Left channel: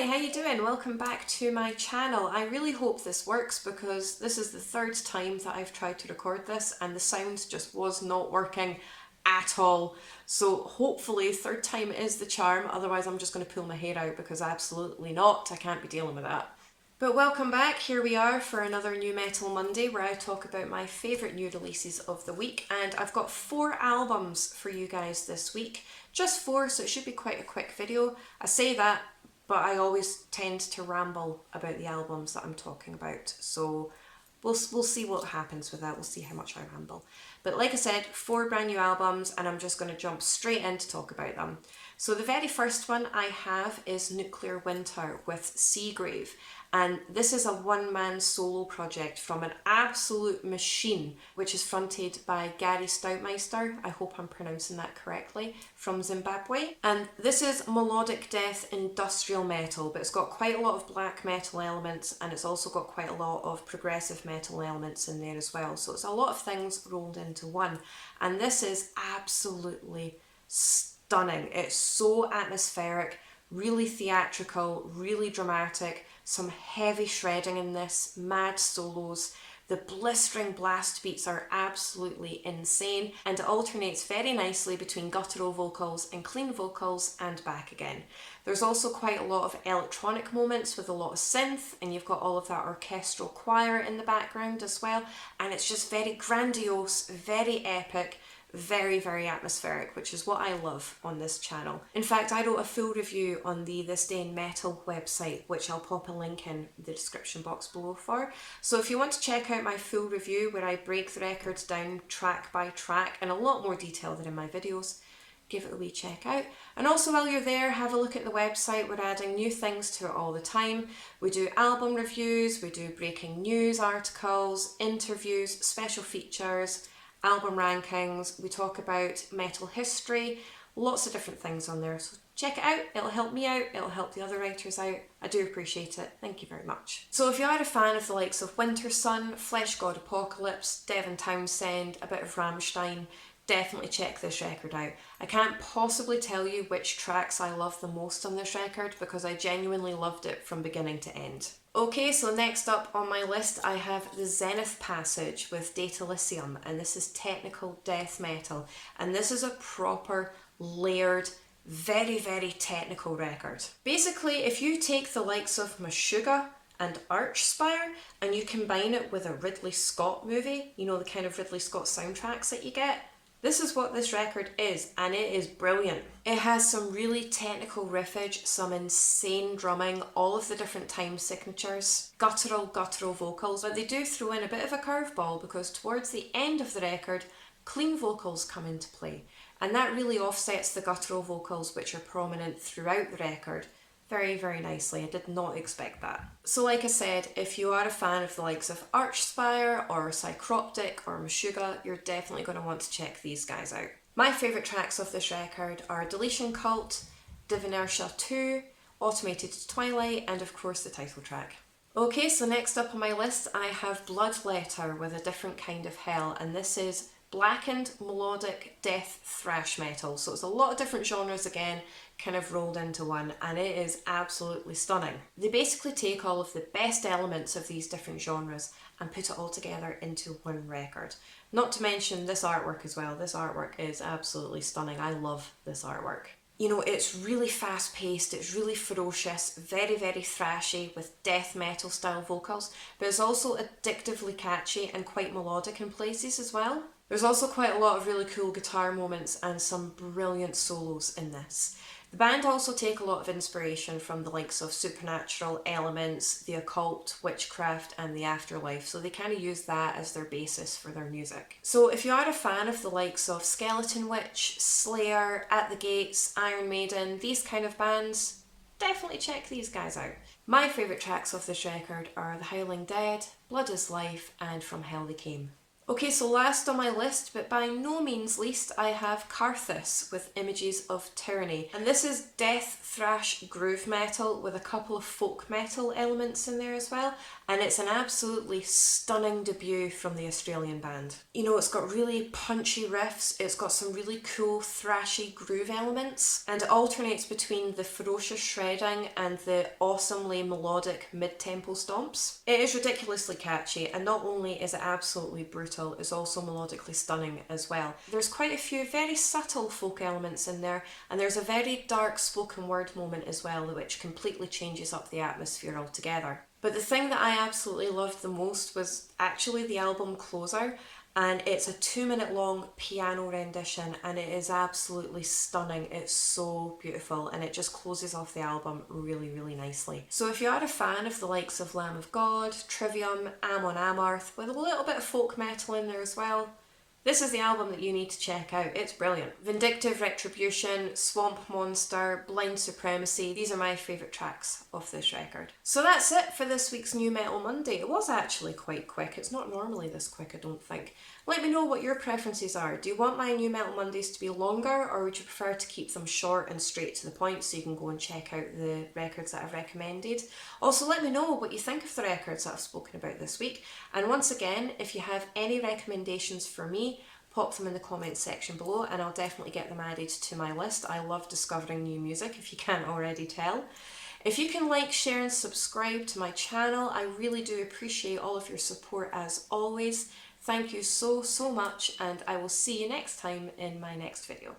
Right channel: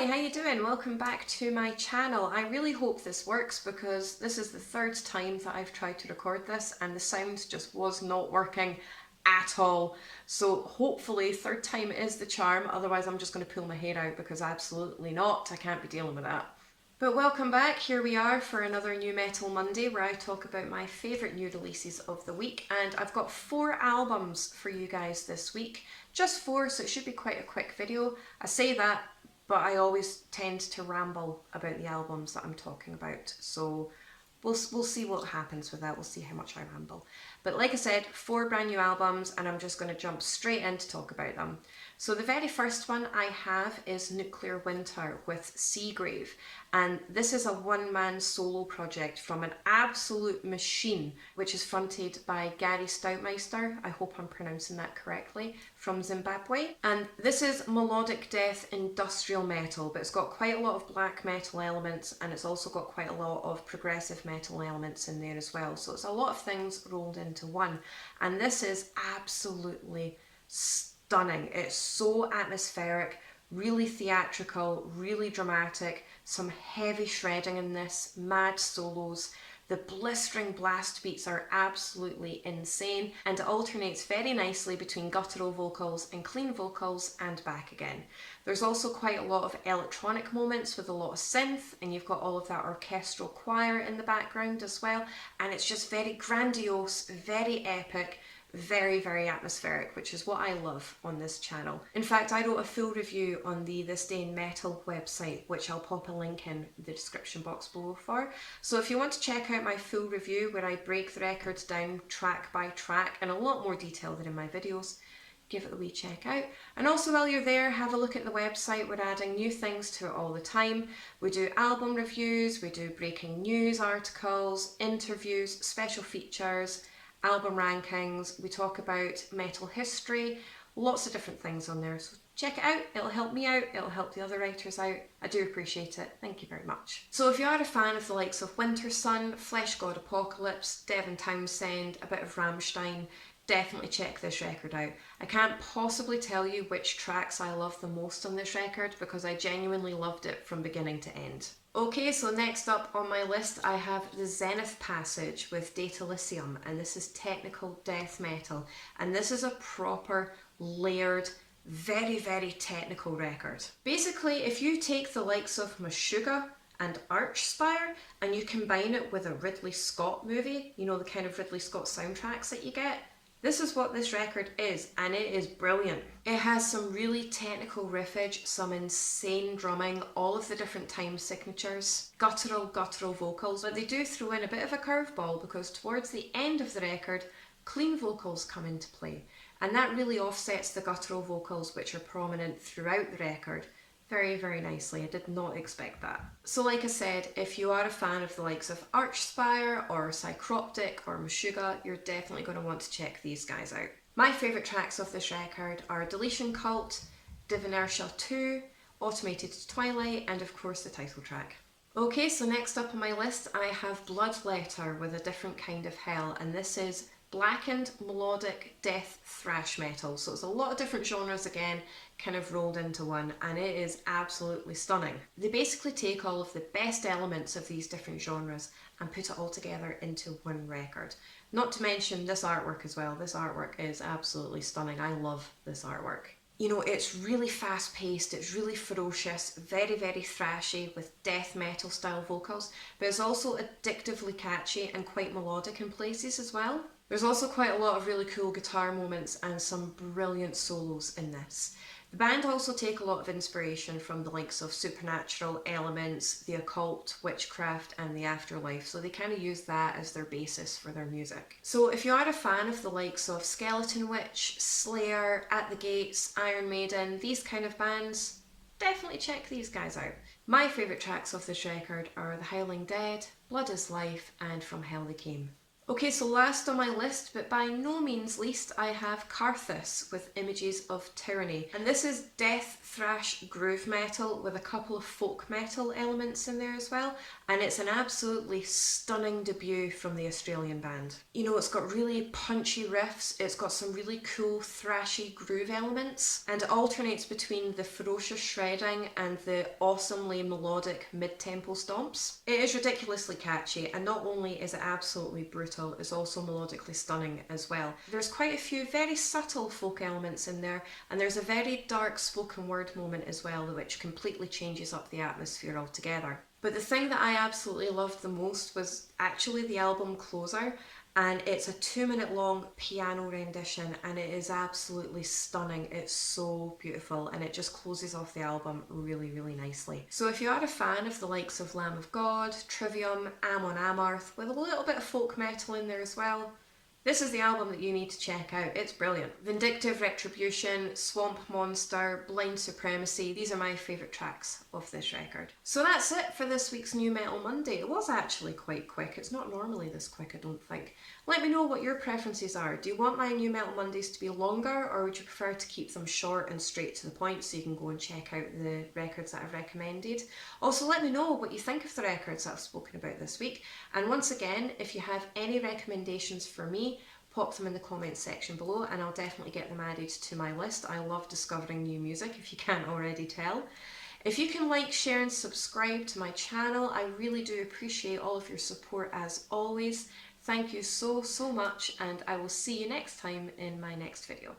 Hi, how you doing? Welcome back to my channel. I really hope this works because this is the third time that I've tried to record this and the sound just was not working at all. So hopefully third time is the charm, otherwise I'm just going to pull my hair out because absolutely not, I can't be dealing with that. But welcome back, here we are for another New Metal Monday where I talk about my favourite new releases of the week, and I've got 4 albums for you guys this week. Just 4, so it should be quite a quick video. I say that, but I always tend to ramble about the albums that I'm talking about, so we'll see what happens with that. We'll see how much I ramble. But like I said, 4 brand new albums, and I'm just going to jump straight in to talk about them. So the very first one I have is Nuclear Winter with Seagrave, and this is a one-man solo project from an absolute machine, which is fronted by Gary Stoutmeister, I hope I'm pronouncing that correctly, from Zimbabwe. And this is melodic death industrial metal, but it's got quite a lot of black metal elements, and it's also got quite a lot of progressive metal elements in there as well. So it's a lot of things rolled into one, and this is absolutely stunning. It's so atmospheric, really theatrical, really dramatic, some heavy shredding in this, mad solos. The blistering blast beats are absolutely insane, and it alternates very nicely between guttural vocals and clean vocals and back again. There's also quite a lot of electronic moments with a lot of synth, and you've got all of that orchestral choir in the background as well, and it's just very grandiose, very epic, very, very atmospheric, which is what I love on this channel. In fact, I wrote a full review on the This Day in Metal website, which I'll pop a link in the description box below for. So if you want to check out my full review where I break the records down track by track in a lot more detail than in my videos, give it a wee check out. And also while you're there, have a look at the website. We're adding new things to it all the time. We do album reviews, we do breaking news articles, interviews, special features, album rankings, we talk about metal history, lots of different things on there. So check it out, it'll help me out, it'll help the other writers out. I do appreciate it, thank you very much. So if you are a fan of the likes of Winter Sun, Flesh God Apocalypse, Devin Townsend, a bit of Rammstein, definitely check this record out. I can't possibly tell you which tracks I love the most on this record because I genuinely loved it from beginning to end. Okay, so next up on my list I have the Zenith Passage with Datalysium, and this is technical death metal, and this is a proper layered, very, very technical record. Basically, if you take the likes of Meshuggah and Archspire and you combine it with a Ridley Scott movie, you know, the kind of Ridley Scott soundtracks that you get, this is what this record is, and it is brilliant. It has some really technical riffage, some insane drumming, all of the different time signatures, guttural vocals, but they do throw in a bit of a curveball because towards the end of the record, clean vocals come into play, and that really offsets the guttural vocals which are prominent throughout the record very, very nicely. I did not expect that. So like I said, if you are a fan of the likes of Archspire or Psychroptic or Meshuggah, you're definitely going to want to check these guys out. My favourite tracks of this record are Deletion Cult, Divinersha 2, Automated Twilight, and of course the title track. Okay, so next up on my list I have Bloodletter with A Different Kind of Hell, and this is blackened melodic death thrash metal. So it's a lot of different genres again, kind of rolled into one, and it is absolutely stunning. They basically take all of the best elements of these different genres and put it all together into one record. Not to mention this artwork as well. This artwork is absolutely stunning. I love this artwork. You know, it's really fast paced, it's really ferocious, very, very thrashy with death metal style vocals, but it's also addictively catchy and quite melodic in places as well. There's also quite a lot of really cool guitar moments and some brilliant solos in this. The band also take a lot of inspiration from the likes of supernatural elements, the occult, witchcraft, and the afterlife, so they kind of use that as their basis for their music. So if you are a fan of the likes of Skeleton Witch, Slayer, At the Gates, Iron Maiden, these kind of bands, definitely check these guys out. My favourite tracks of this record are The Howling Dead, Blood is Life, and From Hell They Came. Okay, so last on my list, but by no means least, I have Karthus with Images of Tyranny. And this is death thrash groove metal with a couple of folk metal elements in there as well. And it's an absolutely stunning debut from the Australian band. You know, it's got really punchy riffs, it's got some really cool thrashy groove elements, and it alternates between the ferocious shredding and the awesomely melodic mid-tempo stomps. It is ridiculously catchy, and not only is it absolutely brutal, it's also melodically stunning as well. There's quite a few very subtle folk elements in there, and there's a very dark spoken word moment as well, which completely changes up the atmosphere altogether. But the thing that I absolutely loved the most was actually the album closer, and it's a 2-minute long piano rendition, and it is absolutely stunning. It's so beautiful, and it just closes off the album really, really nicely. So if you are a fan of the likes of Lamb of God, Trivium, Amon Amarth, with a little bit of folk metal in there as well, this is the album that you need to check out. It's brilliant. Vindictive Retribution, Swamp Monster, Blind Supremacy, these are my favourite tracks of this record. So that's it for this week's New Metal Monday. It was actually quite quick. It's not normally this quick, I don't think. Let me know what your preferences are. Do you want my New Metal Mondays to be longer, or would you prefer to keep them short and straight to the point so you can go and check out the records that I've recommended? Also, let me know what you think of the records that I've spoken about this week. And once again, if you have any recommendations for me, pop them in the comments section below and I'll definitely get them added to my list. I love discovering new music, if you can't already tell. If you can like, share and subscribe to my channel, I really do appreciate all of your support as always. Thank you so much, and I will see you next time in my next video.